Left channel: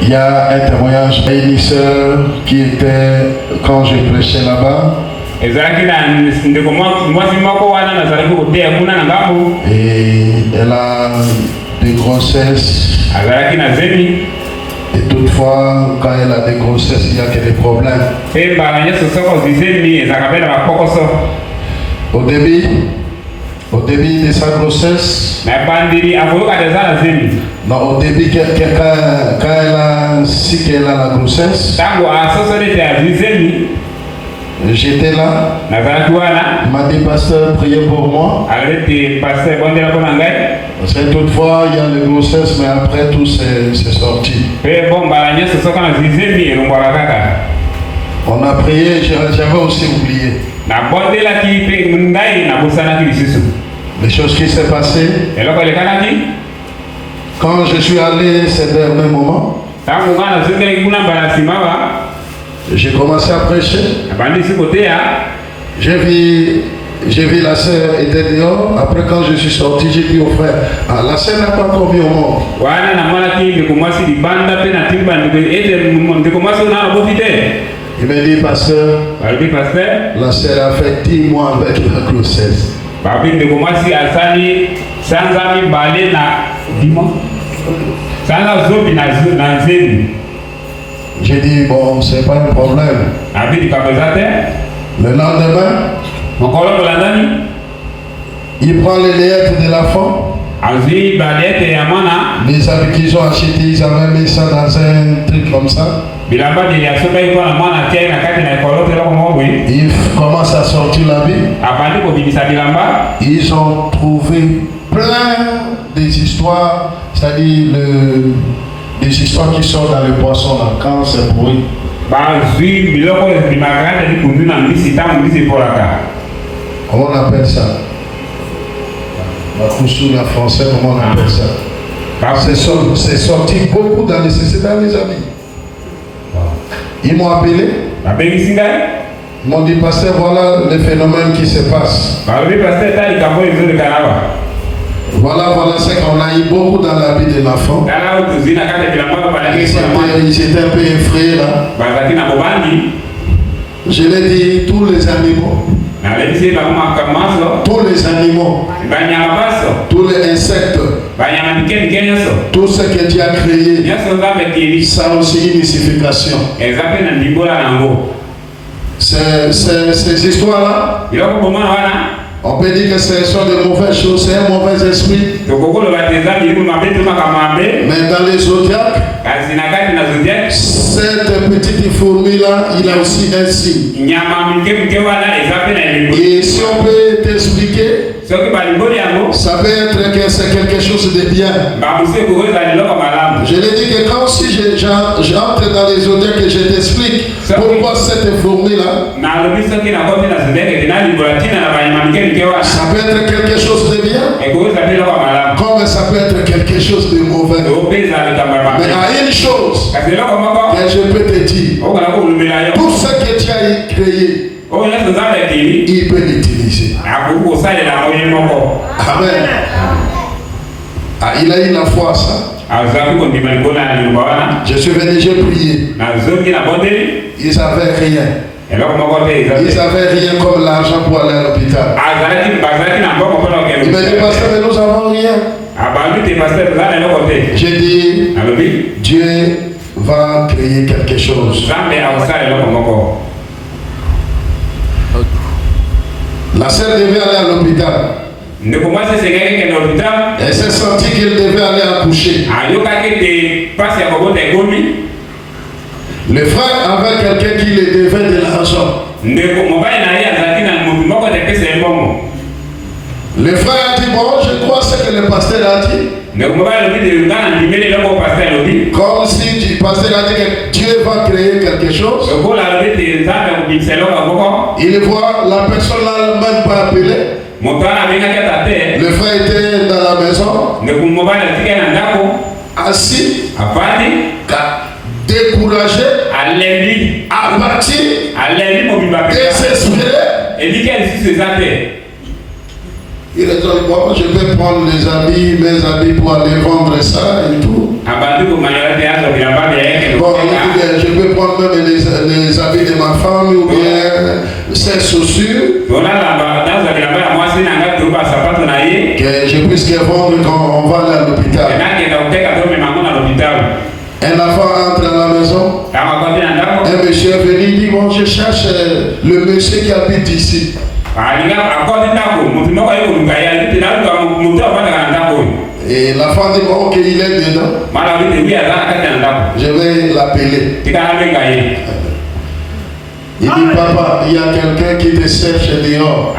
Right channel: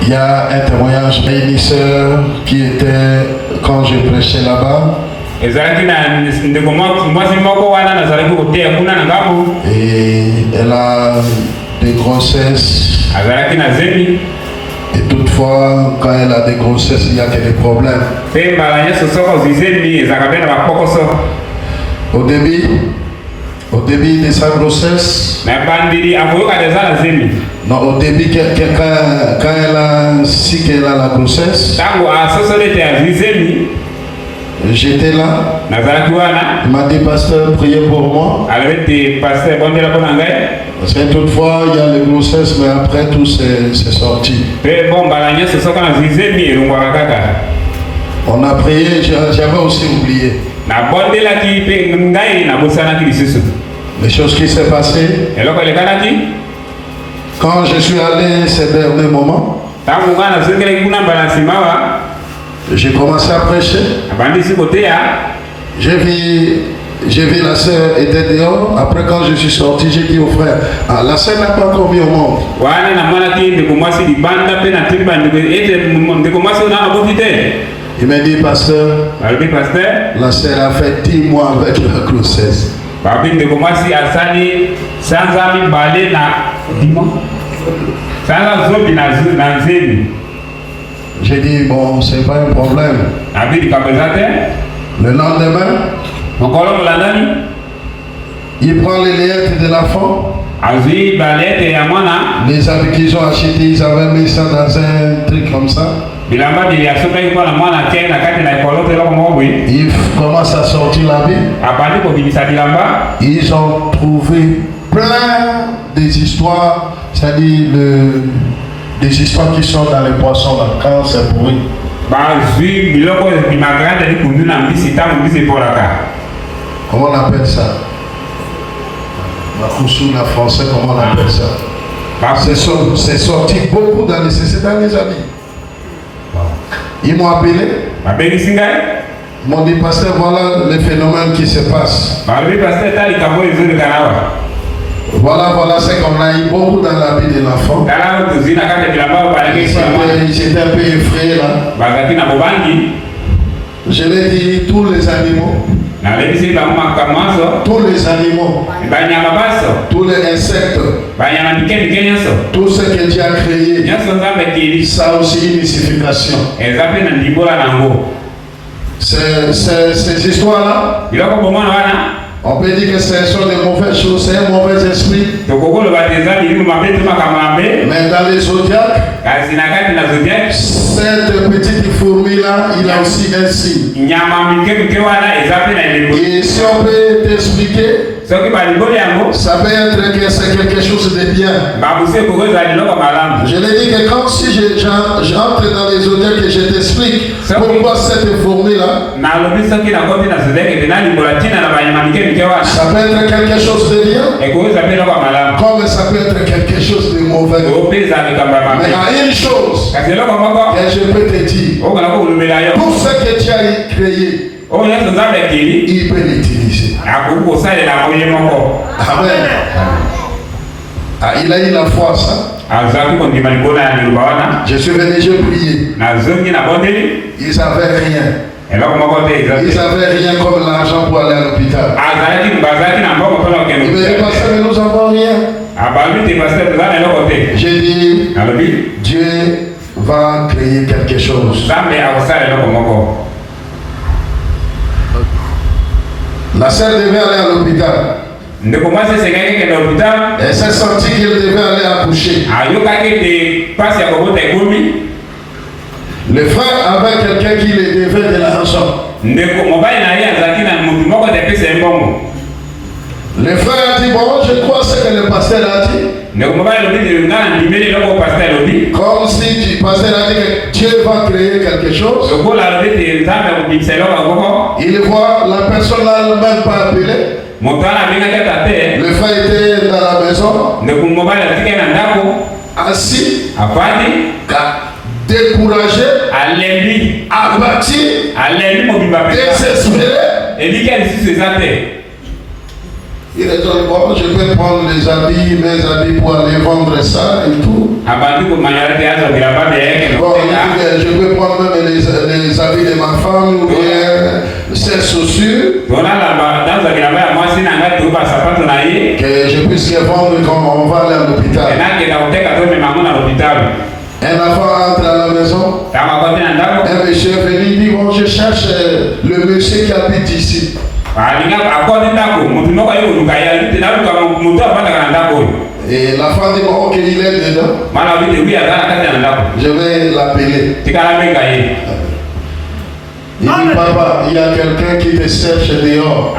Il y a un témoignage d'une sœur qui était quand je prêchais là-bas. Et elle a des grossesses. Et toutefois, quand elle a des grossesses, il y a des problèmes. Au début de sa grossesse, non, au début, quand elle a su qu'elle a la grossesse, j'étais là. Il m'a dit, pasteur, priez pour moi. C'est toutefois, il y a les grossesses, mais après tout, c'est sorti. On a prié, j'avais aussi oublié. Les choses qui s'est passées. Quand je suis allé ces derniers moments, j'ai commencé à prêcher. J'ai vu la sœur était dehors. Après, quand je suis sorti, j'ai dit au frère, la sœur n'a pas encore mis au monde. Il m'a dit, pasteur, la sœur a fait 10 mois avec la grossesse. J'ai dit, bon, c'est pas un problème. Le lendemain, il prend les lettres de l'enfant. Les habits qu'ils ont achetés, ils avaient mis ça dans un truc comme ça. Il commence à sortir l'habit. Ils ont trouvé plein des histoires, c'est-à-dire des histoires qui sont dans les poissons là, quand c'est pourri. Comment on appelle ça? La coussou, la français, comment on appelle ça? C'est sorti beaucoup dans les habits. Ils m'ont appelé. Ils m'ont dit, pasteur, voilà le phénomène qui se passe. Voilà ce qu'on a eu beaucoup dans la vie de l'enfant. Ils étaient un peu effrayés là. Je l'ai dit, tous les animaux. Tous les animaux. Tous les insectes. Tout ce que Dieu a créé. Ça a aussi une signification. Ces histoires-là, on peut dire que ce sont de mauvaises choses, c'est un mauvais esprit. Mais dans les zodiacs, cette petite fourmi-là, il a aussi un signe. Et si on peut t'expliquer, ça peut être que c'est quelque chose de bien. Je l'ai dit que quand si j'entre dans les zodiacs et je t'explique pourquoi cette fourmi-là, ça peut être quelque chose de bien, comme ça peut être quelque chose de mauvais. Mais il y a une chose que je peux te dire, tout ce que tu as créé, il peut l'utiliser. Amen. Il a eu la foi, ça. Je suis venu, j'ai prié. Ils n'avaient rien. Ils n'avaient rien comme l'argent pour aller à l'hôpital. Ils me disent, pasteur, mais nous n'avons rien. J'ai dit, Dieu va créer quelque chose. La sœur devait aller à l'hôpital. Elle s'est sentie qu'elle devait aller accoucher. Le frère avait quelqu'un qui lui devait de l'argent. Le frère a dit, bon, je crois ce que le pasteur a dit. Comme si le pasteur a dit que Dieu va créer quelque chose. Il voit la personne là même pas appelée. Le frère était dans la maison, assis, découragé, abattu, désespéré. Il a dit, bon, je peux prendre mes habits pour aller vendre ça et tout. qui habite ici. Et la femme dit, ok, il est dedans. Je vais l'appeler. Il dit, papa, il y a quelqu'un qui te cherche dehors.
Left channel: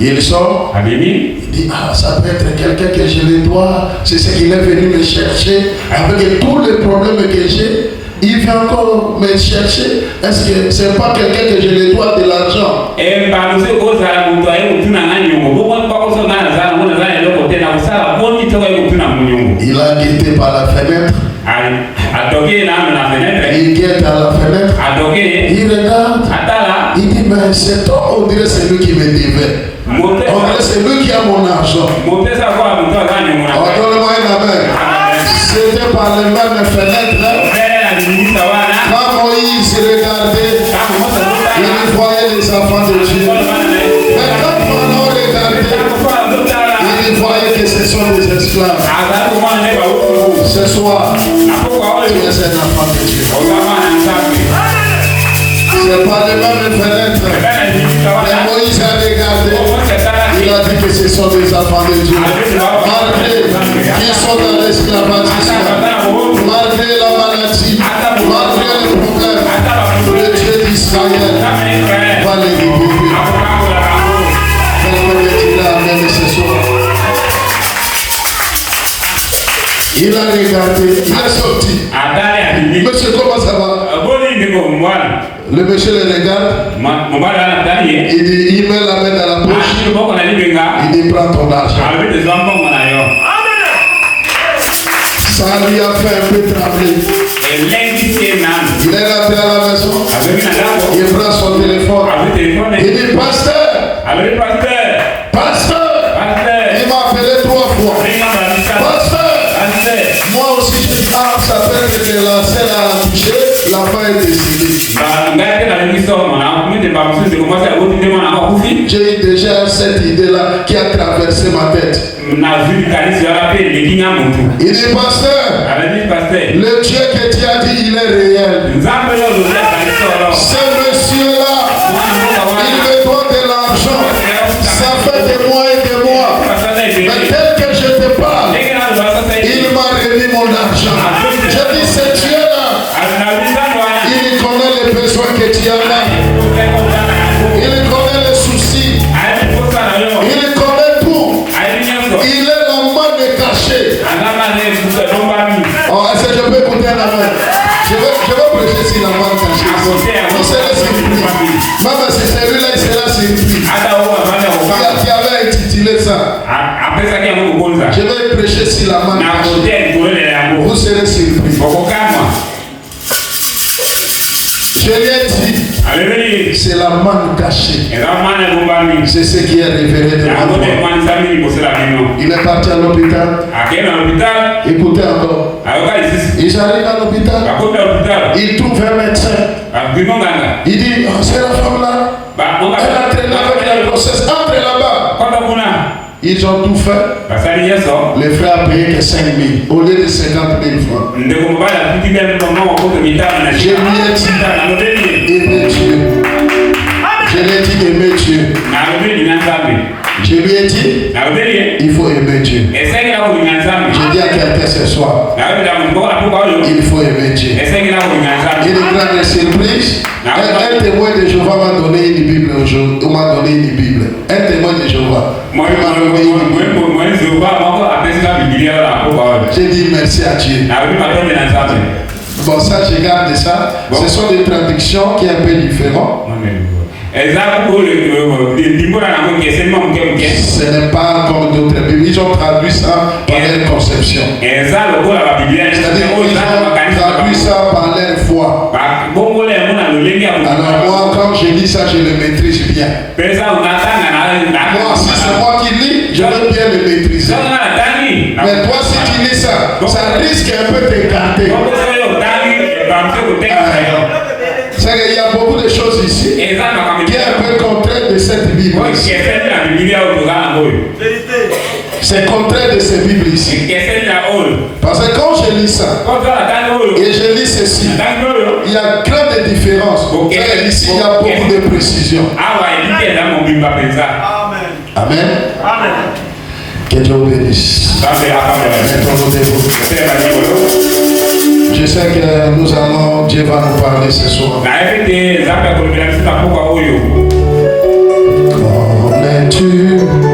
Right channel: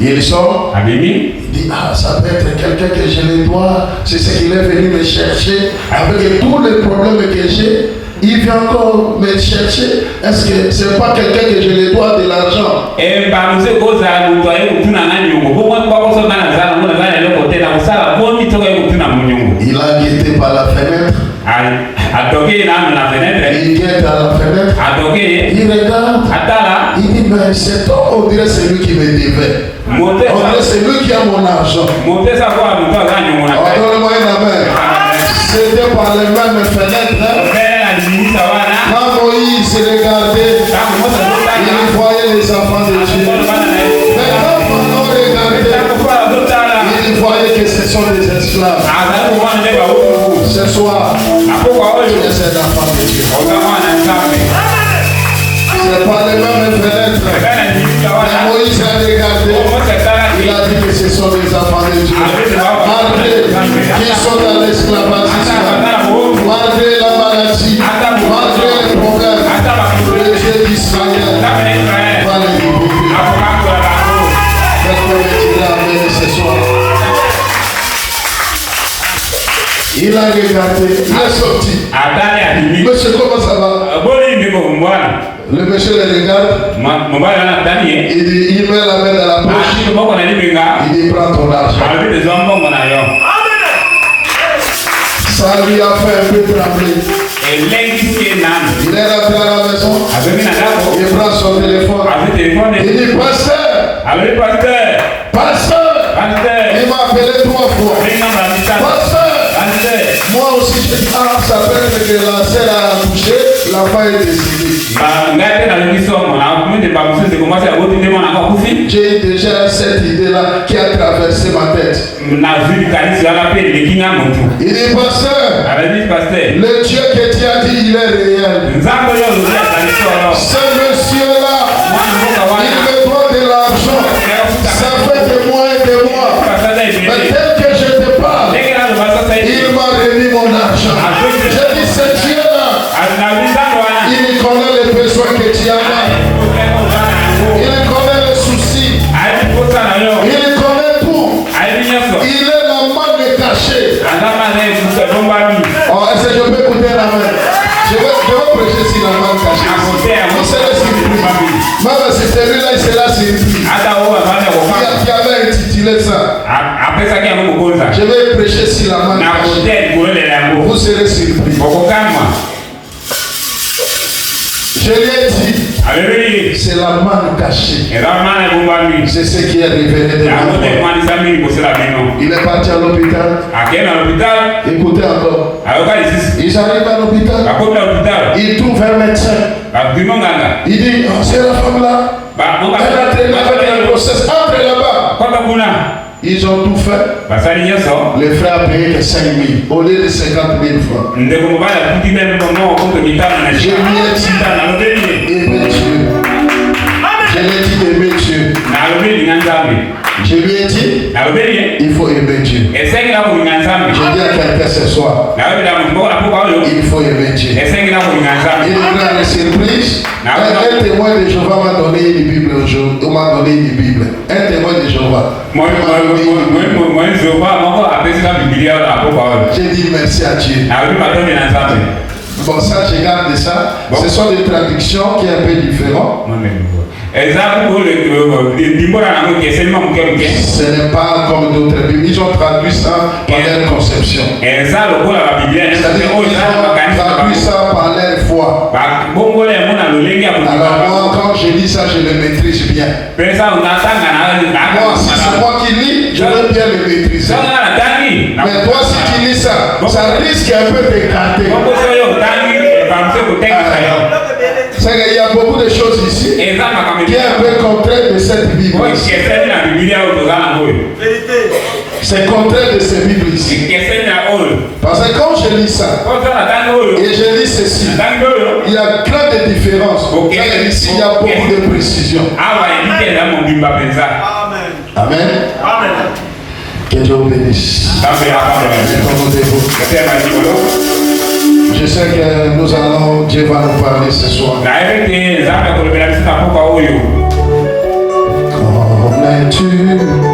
Il sort. Il dit, ah, ça peut être quelqu'un que je le dois. C'est ce qu'il est venu me chercher. Avec tous les problèmes que j'ai, il vient encore me chercher. Est-ce que c'est pas quelqu'un que je le dois de l'argent? Il a guetté par la fenêtre. Il guette à la fenêtre. Il regarde. Il dit, mais c'est toi, on dirait c'est lui qui me devait. On dirait c'est lui qui a mon argent. C'était par les mêmes fenêtres. Quand Moïse regardait, il voyait les enfants de Dieu. Mais quand Pharaon regardait, il voyait que ce sont des esclaves. Ce soir, tu es un enfant de Dieu. C'est par les mêmes fenêtres. Mais Moïse a regardé, il a dit que ce sont des enfants de Dieu. Malgré qu'ils sont dans l'esclavage, malgré la maladie, malgré les problèmes, le Dieu d'Israël va les libérer. Quelqu'un dit amen ce soir. Il a regardé, il est sorti. Monsieur, comment ça va? Le monsieur le regarde. Il dit, il met la main dans la poche. Il dit, prends ton argent. Ça lui a fait un peu trembler. Il est rentré à la maison. Il prend son téléphone. Il dit, pasteur. Pasteur. Il m'a appelé 3 fois. Pasteur. Moi aussi, ça fait que la selle a touché. La femme est décédée. J'ai déjà cette idée-là qui a traversé ma tête. Il dit, pasteur, le Dieu que tu as dit, il est réel. Ce monsieur-là, il me doit de l'argent. Ça fait des mois et des mois. Mais tel que je te parle, il m'a remis mon argent. Je dis, ce Dieu-là, il connaît les besoins que tu as là. Il connaît les soucis. Il connaît tout. Il est la manne cachée. Oh, est-ce que je peux écouter la main? Je vais prêcher sur la manne cachée. Il sera surpris. Même si celui-là, il sera surpris. Qui avait intitulé ça. Je vais prêcher sur la manne cachée. Vous serez surpris. Je l'ai dit, c'est la manne cachée. C'est ce qui est révélé de nous. Il est parti à l'hôpital. Écoutez encore. Il arrive à l'hôpital. Il trouve un médecin. Il dit, c'est la femme là. Elle a traîné avec le process. Entre là-bas. Ils ont tout fait. Les frères ont payé que 5 000 au lieu de 50 000 francs. Je lui ai dit, aimez Dieu. Je lui ai dit, aimez Dieu. Je lui ai dit, il faut aimer Dieu. Je dis à quelqu'un ce soir, il faut aimer Dieu. Il est grande surprise. Un témoin de Jéhovah m'a donné une Bible. On m'a donné une Bible. Un témoin de Jéhovah. J'ai dit merci à Dieu. Bon, ça, je garde ça. Ce sont des traductions qui sont un peu différentes. Ce n'est pas comme d'autres Bibles. Ils ont traduit ça par leur conception. C'est-à-dire qu'ils ont traduit ça par leur foi. Alors moi, quand je lis ça, je le maîtrise bien. Moi, si c'est moi qui lis, je veux bien le maîtriser. Mais toi, si tu lis ça, ça risque un peu d'écarter. C'est qu'il y a beaucoup de choses ici qui est un peu contraire de cette Bible. C'est contraire de cette Bible ici. Parce que quand je lis ça, et je lis ceci, il y a grande différence Ici, il y a beaucoup de précision. Amen. Que Dieu vous bénisse. Je sais que nous allons, Dieu va nous parler ce soir. Comme tu